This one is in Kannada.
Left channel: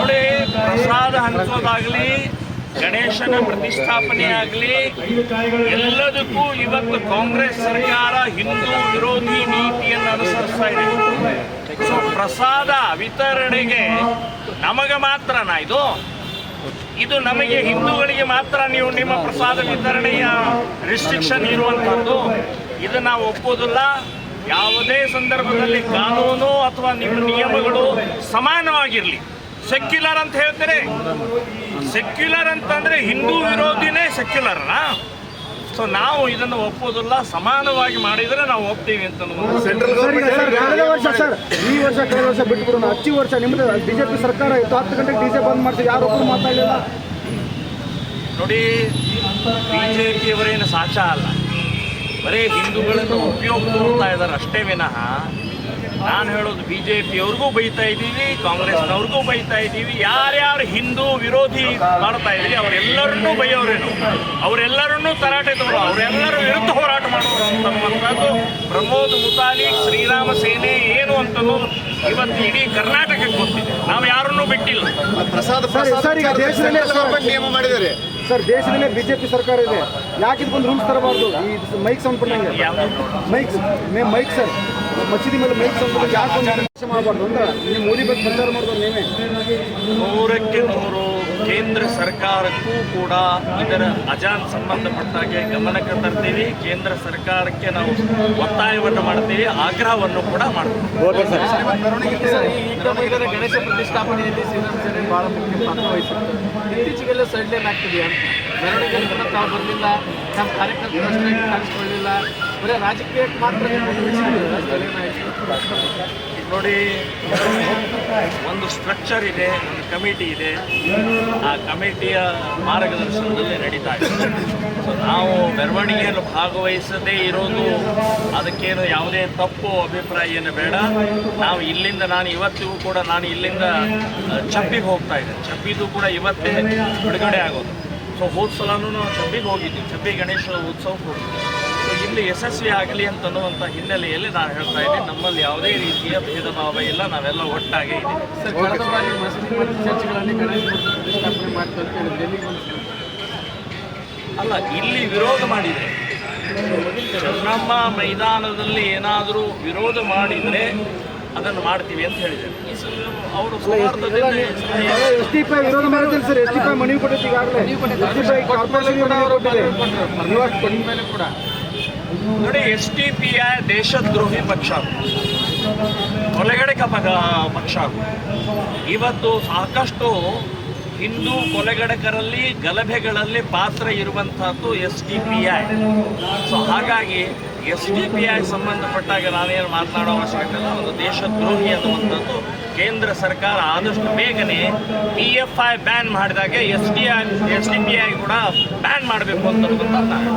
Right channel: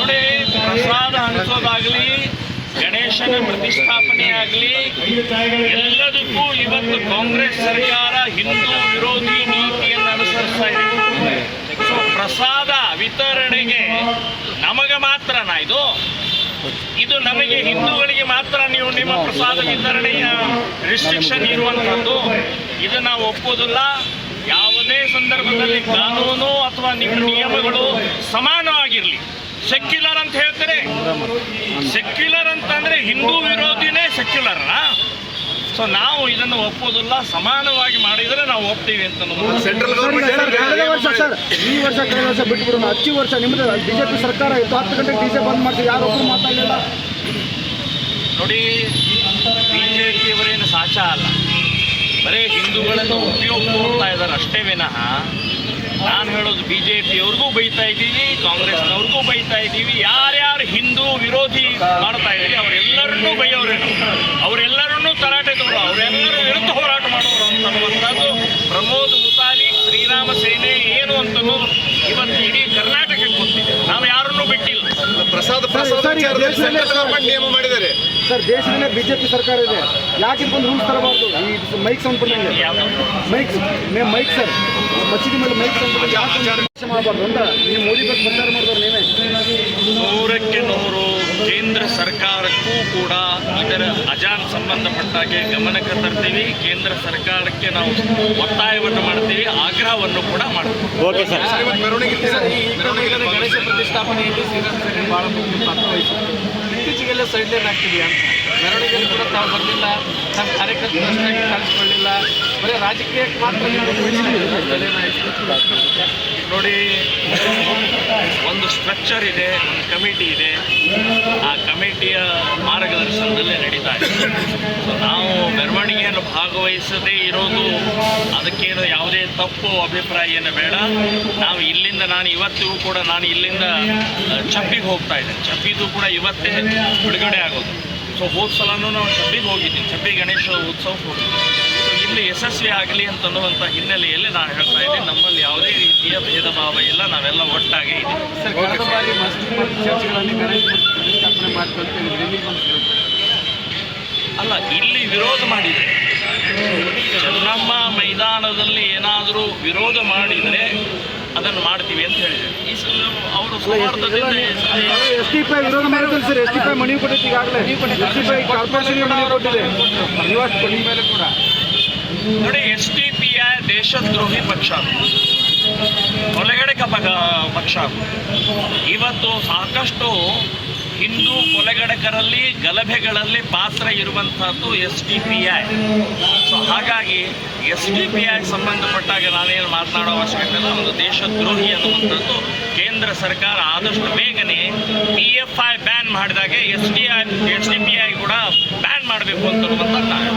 ನೋಡಿ, ಪ್ರಸಾದ ಹಂಚೋದಾಗಲಿ, ಗಣೇಶನ ಪ್ರತಿಷ್ಠಾಪನೆ ಆಗಲಿ, ಎಲ್ಲದಕ್ಕೂ ಇವತ್ತು ಕಾಂಗ್ರೆಸ್ ಸರ್ಕಾರ ಹಿಂದೂ ವಿರೋಧಿ ನೀತಿಯನ್ನು ಅನುಸರಿಸ್ತಾ ಇದೆ. ಸೊ ಪ್ರಸಾದ ವಿತರಣೆಗೆ ನಮಗೆ ಮಾತ್ರನಾ ಇದು ನಮಗೆ ಹಿಂದೂಗಳಿಗೆ ಮಾತ್ರ ನೀವು ನಿಮ್ಮ ಪ್ರಸಾದ ವಿತರಣೆಯ ರಿಸ್ಟ್ರಿಕ್ಷನ್ ಇರುವಂಥದ್ದು? ಇದು ನಾವು ಒಪ್ಪೋದಿಲ್ಲ. ಯಾವುದೇ ಸಂದರ್ಭದಲ್ಲಿ ಕಾನೂನು ಅಥವಾ ನಿಮ್ಮ ನಿಯಮಗಳು ಸಮಾನವಾಗಿರಲಿ. ಸೆಕ್ಯುಲರ್ ಅಂತ ಹೇಳ್ತಾರೆ. ಸೆಕ್ಯುಲರ್ ಅಂತಂದರೆ ಹಿಂದೂ ವಿರೋಧಿನೇ ಸೆಕ್ಯುಲರ್ನಾ? ಸೊ ನಾವು ಇದನ್ನು ಒಪ್ಪೋದಿಲ್ಲ. ಸಮಾನವಾಗಿ ಮಾಡಿದರೆ ನಾವು ಒಪ್ತೀವಿ ಅಂತ ಸೆಂಟ್ರಲ್ ಗೌರ್ಮೆಂಟ್ ಕಳೆದ ವರ್ಷ ಸರ್, ಈ ವರ್ಷ ಕಳೆದ ವರ್ಷ ಬಿಟ್ಬಿಡೋಣ. ಹಚ್ಚಿ ವರ್ಷ ನಿಮ್ಮದು ಬಿಜೆಪಿ ಸರ್ಕಾರ ಇತ್ತು, 10 ಗಂಟೆಗೆ ಡಿಜೆ ಬಂದ್ ಮಾಡ್ತೀವಿ, ಯಾರೊಬ್ಬರು ಮಾತಾಡಲಿಲ್ಲ. ನೋಡಿ, ಬಿಜೆಪಿಯವರೇನು ಸಾಚ ಅಲ್ಲ, ಬರೀ ಹಿಂದೂಗಳನ್ನು ಉಪಯೋಗ ತೋರ್ತಾ ಇದ್ದಾರೆ ಅಷ್ಟೇ ವಿನಃ. ನಾನು ಹೇಳೋದು ಬಿಜೆಪಿಯವ್ರಿಗೂ ಬೈತಾ ಇದ್ದೀವಿ, ಕಾಂಗ್ರೆಸ್ನವ್ರಿಗೂ ಬೈತಾ ಇದ್ದೀವಿ. ಯಾರ್ಯಾರು ಹಿಂದೂ ವಿರೋಧಿ ಮಾಡ್ತಾ ಇದ್ದೀರಿ ಅವರೆಲ್ಲರನ್ನೂ ಬೈಯೋರೇನು, ಅವರೆಲ್ಲರನ್ನೂ ತರಾಟೆ ತಗೊಳ್ಳೋ, ಅವರೆಲ್ಲರ ವಿರುದ್ಧ ಹೋರಾಟ ಮಾಡೋರು ಅಂತನ್ನುವಂಥದ್ದು ಪ್ರಮೋದ್ ಮುತಾಲಿಕ್ ಶ್ರೀರಾಮ ಸೇನೆ ಏನು ಅಂತನ್ನೋದು ಇವತ್ತು ಇಡೀ ಕರ್ನಾಟಕಕ್ಕೆ ಗೊತ್ತಿದೆ. ನಾವು ಯಾರನ್ನೂ ಬಿಟ್ಟಿಲ್ಲ. ನಿಯಮ ಮಾಡಿದ್ದಾರೆ ಸರ್, ದೇಶದಲ್ಲೇ ಬಿಜೆಪಿ ಸರ್ಕಾರ ಇದೆ, ಯಾಕೆ ಬಂದು ರೂಲ್ಸ್ ತರಬಾರ್ದು? ಈ ಮೈಕ್ ಸೌಂಡ್ ಬಂದಂಗೆ ಯಾವುದು ಮೈಕ್ ಸರ್, ಮಸೀದಿ ಮೇಲೆ ಮೈಕ್ ಸೌಂಡ್ ಯಾಕೆ ಮಾಡಬಾರ್ದು ಅಂತ ನೀವು ಮೋದಿ ಬಗ್ಗೆ ಪ್ರಚಾರ ಮಾಡಿದವ್ರು ನೀವೇ. 100ಕ್ಕೆ 100 ಕೇಂದ್ರ ಸರ್ಕಾರಕ್ಕೂ ಕೂಡ ಇದರ ಅಜಾನ್ ಸಂಬಂಧಪಟ್ಟಾಗೆ ಗಮನಕ್ಕೆ ತರ್ತೀವಿ. ಕೇಂದ್ರ ಸರ್ಕಾರಕ್ಕೆ ನಾವು ಒತ್ತಾಯವನ್ನು ಮಾಡ್ತೀವಿ, ಆಗ್ರಹವನ್ನು ಕೂಡ ಮಾಡ್ತೀವಿ. Okay sir. ಗಣೇಶ ಪ್ರತಿಷ್ಠಾಪನೆಯಲ್ಲಿ ಶ್ರೀರಾಮ ಸೇನೆ ಭಾಳ ಮುಖ್ಯ ಪಾತ್ರ ವಹಿಸುತ್ತೆ. ಇತ್ತೀಚೆಗೆಲ್ಲ ಸೈಡ್ ಲೈನ್ ಆಗ್ತಿದೆಯಾ ಅಂತ ಮೆರವಣಿಗೆಯಲ್ಲಿ ಕೂಡ ತಾವು ಬರಲಿಲ್ಲ, ನಮ್ಮ ಕಾರ್ಯಕರ್ತರು ಅಷ್ಟಾಗಿ ಕಾಣಿಸ್ಕೊಳ್ಳಿಲ್ಲ, ಬರೀ ರಾಜಕೀಯಕ್ಕೆ ಮಾತ್ರ ನೋಡಿ, ಒಂದು ಸ್ಟ್ರಕ್ಚರ್ ಇದೆ, ಒಂದು ಕಮಿಟಿ ಇದೆ. ಆ ಕಮಿಟಿಯ ಮಾರ್ಗದರ್ಶನದಲ್ಲಿ ನಡೀತಾ ಇದೆ. ಸೊ ನಾವು ಮೆರವಣಿಗೆಯನ್ನು ಭಾಗವಹಿಸದೇ ಇರೋದು ಅದಕ್ಕೇನು ಯಾವುದೇ ತಪ್ಪು ಅಭಿಪ್ರಾಯ ಏನು ಬೇಡ. ನಾವು ಇಲ್ಲಿಂದ ನಾನು ಇವತ್ತಿಗೂ ಕೂಡ ನಾನು ಇಲ್ಲಿಂದ ಚಪ್ಪಿಗೆ ಹೋಗ್ತಾ ಇದ್ದೇನೆ. ಚಪ್ಪಿದು ಕೂಡ ಇವತ್ತೇ ಬಿಡುಗಡೆ ಆಗೋದು. ಸೊ ಹೋದ ಸಲನೂ ನಾವು ಚಪ್ಪಿಗೆ ಹೋಗಿದ್ದೀನಿ, ಚಪ್ಪಿ ಗಣೇಶ ಉತ್ಸವಕ್ಕೆ ಹೋಗಿದ್ದೀನಿ. ಸೊ ಇಲ್ಲಿ ಯಶಸ್ವಿ ಆಗಲಿ ಅಂತನ್ನುವಂಥ ಹಿನ್ನೆಲೆಯಲ್ಲಿ ನಾನು ಹೇಳ್ತಾ ಇದ್ದೀನಿ, ನಮ್ಮಲ್ಲಿ ಯಾವುದೇ ರೀತಿಯ ಭೇದ ಭಾವ ಇಲ್ಲ, ನಾವೆಲ್ಲ ಒಟ್ಟಾಗೇ ಇದ್ದೀವಿ. ಅಲ್ಲ, ಇಲ್ಲಿ ವಿರೋಧ ಮಾಡಿದರೆ, ಚೆನ್ನಮ್ಮ ಮೈದಾನದಲ್ಲಿ ಏನಾದರೂ ವಿರೋಧ ಮಾಡಿದರೆ ಅದನ್ನು ಮಾಡ್ತೀವಿ ಅಂತ ಹೇಳಿದ್ದಾರೆ. ಈ ಸಲ ಅವರು ಸೌಹಾರ್ದದಿಂದ ವಿರೋಧ ಮಾಡಿದ್ದಾರೆ ಸರ್. ಎಸ್ಟಿಪೈ ಮನವಿ ಕೊಟ್ಟಿದ್ದು ಈಗಾಗಲೇ ಕೂಡ ನೋಡಿ, SDPI ದೇಶದ್ರೋಹಿ ಪಕ್ಷ, ಕೊಲೆಗಡಕ ಪಕ್ಷ. ಇವತ್ತು ಸಾಕಷ್ಟು ಹಿಂದೂ ಕೊಲೆಗಡಕರಲ್ಲಿ ಗಲಭೆಗಳಲ್ಲಿ ಪಾತ್ರ ಇರುವಂಥದ್ದು SDPI. ಸೊ ಹಾಗಾಗಿ SDPI ಸಂಬಂಧಪಟ್ಟಾಗ ನಾನೇನು ಮಾತನಾಡೋ ಅವಶ್ಯಕತೆ ಇಲ್ಲ. ಒಂದು ದೇಶದ್ರೋಹಿ ಅನ್ನುವಂಥದ್ದು ಕೇಂದ್ರ ಸರ್ಕಾರ ಆದಷ್ಟು ಬೇಗನೆ PFI ಬ್ಯಾನ್ ಮಾಡಿದಾಗೆ SDPI ಕೂಡ ಬ್ಯಾನ್ ಮಾಡಬೇಕು ಅಂತನ್ನುವಂಥದ್ದು ನಾನು